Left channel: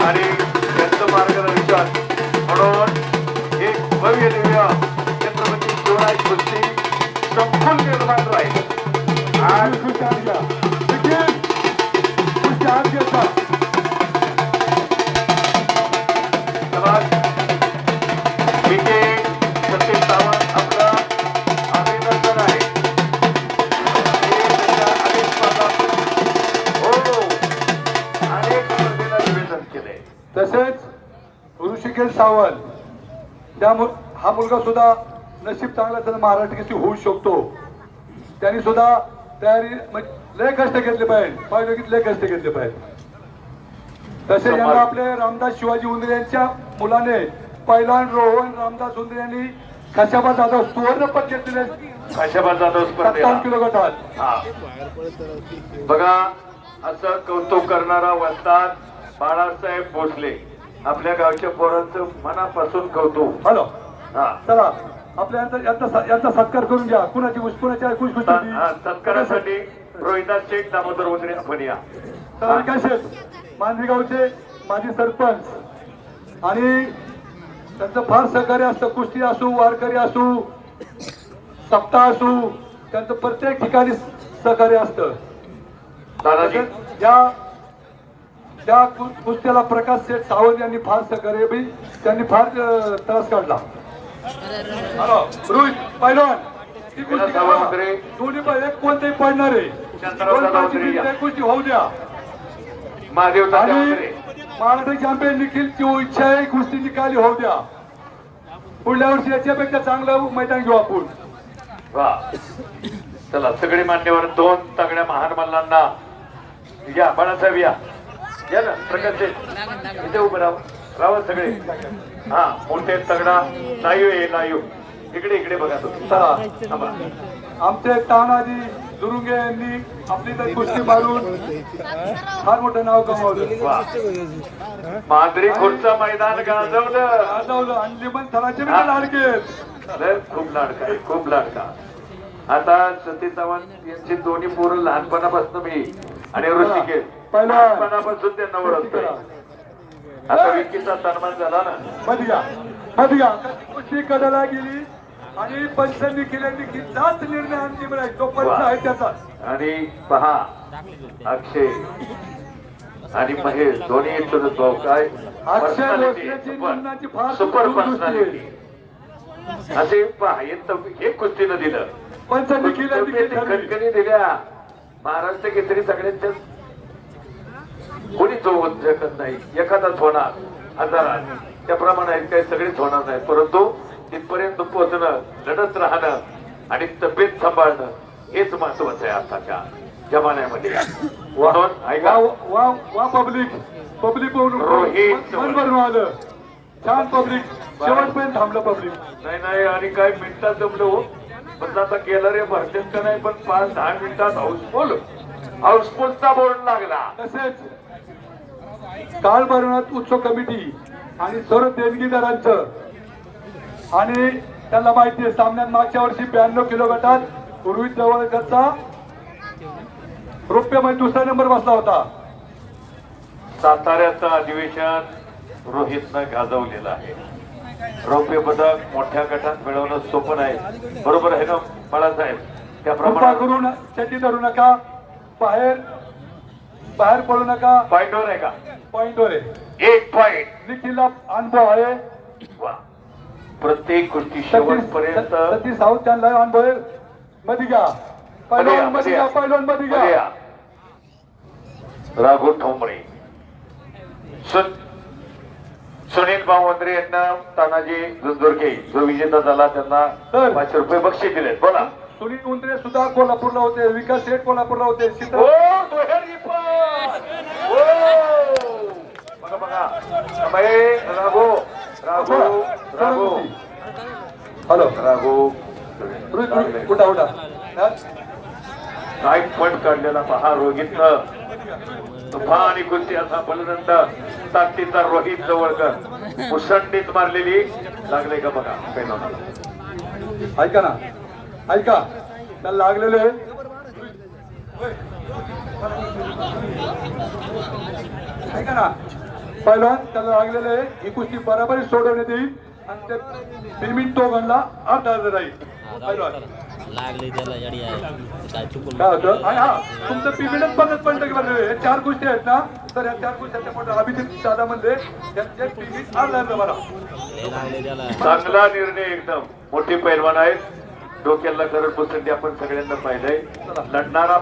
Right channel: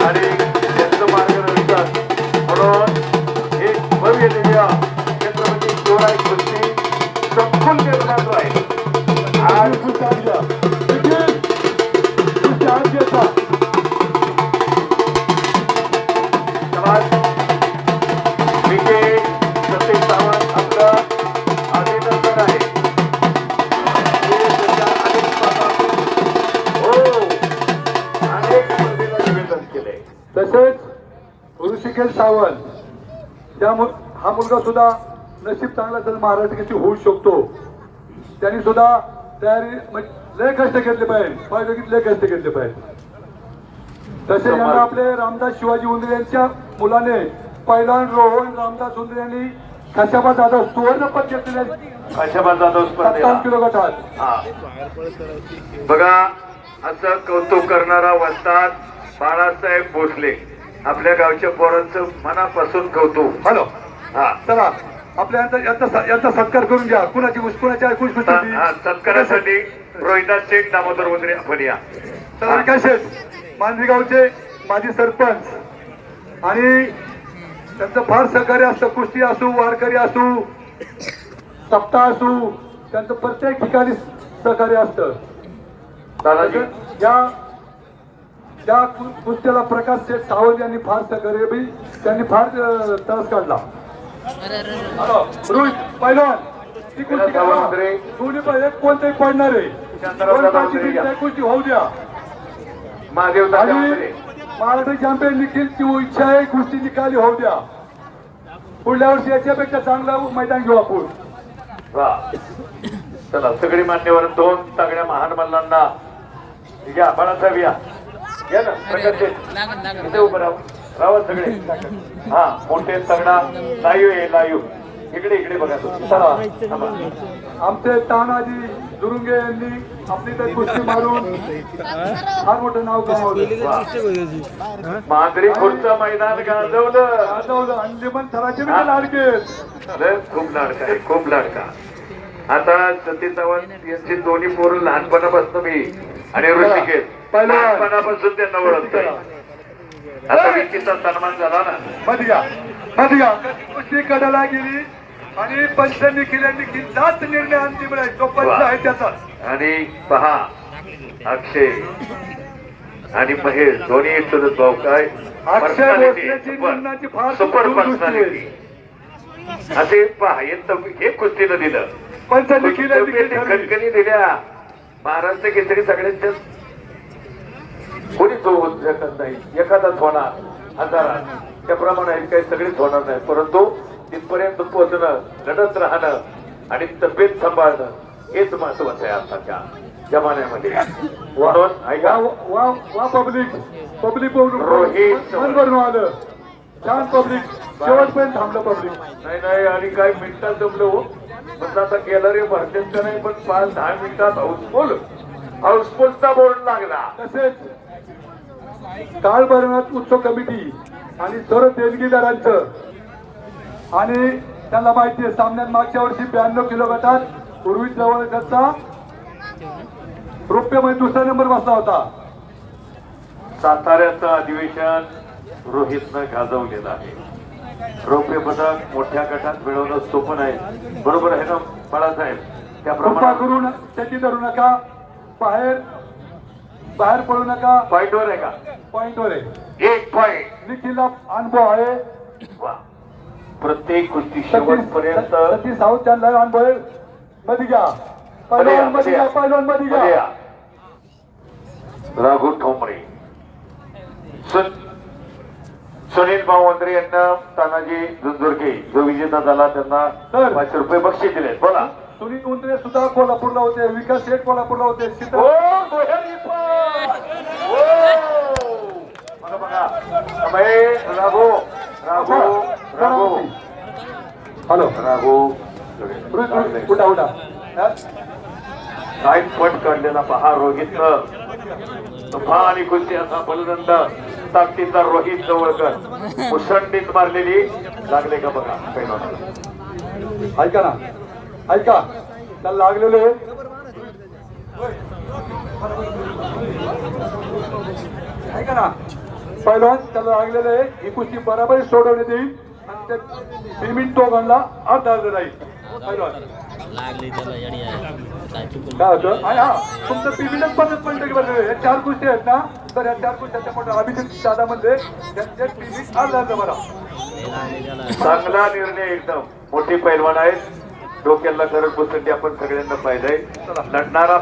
आणि त्यांचं मार्गदर्शन म्हणून एक भव्य दिव्य छत्रपती शिवराय कुस्ती संपूर्ण निर्माण आहे. आज तसेच ऋषिकेश सावंत हा मुलगा सुद्धा नशीब चांगला तर महाराष्ट्र केसरी होऊ शकतो. त्यांनी सुद्धा तयारी लय कष्ट घेतले पाहिजे लय कष्ट घेतले पाहिजे. तसे यंदा आपले रामदास शिवाजी उंदरे यांच्या मुलाने पहिला रोहन रामदास उंदरे यांनी खशाबा जाधव सुवर्ण पदक घेतलेला. खशाबा जाधव 57 किलो गटात. बघा असं कौतुक करणारा वस्ताद बाळासाहेब भोसले आपल्या गावच्या पोरांचं मनापासून कौतुक. हॅलो हा चला आपल्या यांचा सत्कार करून घ्या. कुणाची सत्कारासाठी रोहिदास शेठ दामोदर वगैरे आपण या. तर काय शेठ मांजरी गावचे माजी सरपंच आणि त्यांचं फार सहकार्य असतं. कुस्ती असू वारकरी असू सप्ताह असू त्यांचं प्रत्येक ठिकाणी सहकार्य असतं. दादाजी त्या कुस्त्याला प्रकाश शेठ सावंत यांनी फार सहकार्य बी त्यांनी फार त्रास काढला. रोहित पैलवान ती कुस्ती दोन्ही एक कोणतंही पडणार आहे कुस्ती होऊ द्या. आणि महाराष्ट्र चॅम्पियन निखिलची इच्छा आहे कुस्ती निकाली होऊ द्या. पुढल्या वर्षी याच्यापेक्षा चांगलं मैदान घेऊ आपण. चला सगळे मान्यवर दोन तगड्या महान मल्लांना या बाळाचा विया या ना प्रकाश इथे उभं राहा सगळे. हा मोठे तगडा नायू आहे नायू इकडे इकडे बघा तुम्ही. आमचे तानाजी दुरुंगे यांनी आपली तर कुस्ती मारून फार मोठं नाव कमावलं. मांजरी खुर्चा मैदान गाजवलं अंजमन थराचे लाडके खूप लाडका आहे खूप लाडका. आता सतीश सावंत यांची दोन्ही पोरं लहानपणापासून मी आणि ऋषिकेश लहानपणापासून त्यांना ओळखतोय. आता विकीचा सन्मान झाला ना. मधगा कुस्ती कडाला गेली आणि पंच निखिल जात निर्णय अंतिम आहे. तो पंच आहे त्याचा. आणि पहा अक्षय आणि महेश दोन्ही चुलत भाऊ काय अक्षय भोसलेची निर्णयाची फार सुपर पर्सनॅलिटी असे पहा हे कुस्तीनं दिलं. पंच निखिल खटकणी दिल्या. महाराष्ट्र केसरी सगळ्यांच्या कोणी तो शकत नाही. एखादाच होणार हजारात त्याप्रमाणे काही सगळेच होणार नाही. परंतु तिथपर्यंत पोहोचणं लढत राहणं आणि तब्येत सांभाळणं हेच महत्वाचं आहे आताच्या जमान्यामध्ये. पब्लिक रोहित आलं छान पब्लिक शेवटपर्यंत थांबलं पब्लिक नाही आणि काय मिनिटात जमलो पण आता गेलं रे भरतेच का नाही पण 5-10 मिनिटात हाऊसफुलचा बोर्ड लागला. तसेच काळ भरणात उत्सव कमिटी आणि सर्व देणगीदारांचं आणि त्यांना माहिती आहे सामन्यात मागच्या वर्षी 92 किलो गटात उर्वित जवळचा रुपयामध्ये दुसरा नंबर बसला होता. साताऱ्याचं अधिवेशन रोहितनं गाजवलेलं आहे. रौप्य पदक मोठ्या गटात मिळवणं सोपं नाही. बरोबर आहे ना बाळासाहेब. त्याप्रमाणे करून त्याची धरू नका. बाहेर पडू नका. पॉइंटवर आहे का? पॉइंटवर आहे. 1 पॉइंट. निखिलला अनुभव आहे. प्रत्येक गोष्टी शेवटपर्यंत सतीश सावंत त्यांना अनुभव आहे. मध्ये घ्या पहिलवान मध्ये घ्या. राघू ठोंबरे सुनील बावंद्रे यांना तानाजी झुंझुरके जो विजेता झाला त्यांना 500 रुपये बक्षीस दिले. बोला. सुनील उंदरे सुद्धा कोल्हापूरला होते. विकास शेठ कोल्हापूरला होते. हॅलो राघू उठा नाईट पट काढलेला पहा रोहितनं. तुफा आणि कुस्ती असा बलदंड ताकदीचा रोहित जवळकर मुसंडीत मारलेली लागले का बघा पैलवानाला. ऐका ना ऐका त्याला लागलेले ऐका ना पहिलवान त्याला लागलेलं आहे ही कुस्ती बराबरी सोडवण्यात येईल आणि ते पेमेंट दोघांना अर्धा राहील पहिलवान लागली त्याला याडी आहे काय चुकून काय होतं आणि हा तुमचं पेमेंटच 50% बनलेलं आहे 4 कुस्ती आहेत ना तर या 4 कुस्त्याच्या पण अभिजित दादा म्हणले त्यांचे पेमेंट अर्धा बरा लागली त्याला चांगला निर्णय एकदम मोठी पैलवान आहेत डोक्याला गरज बसंती आपण सगळ्यांना पाहिलंय लढणारा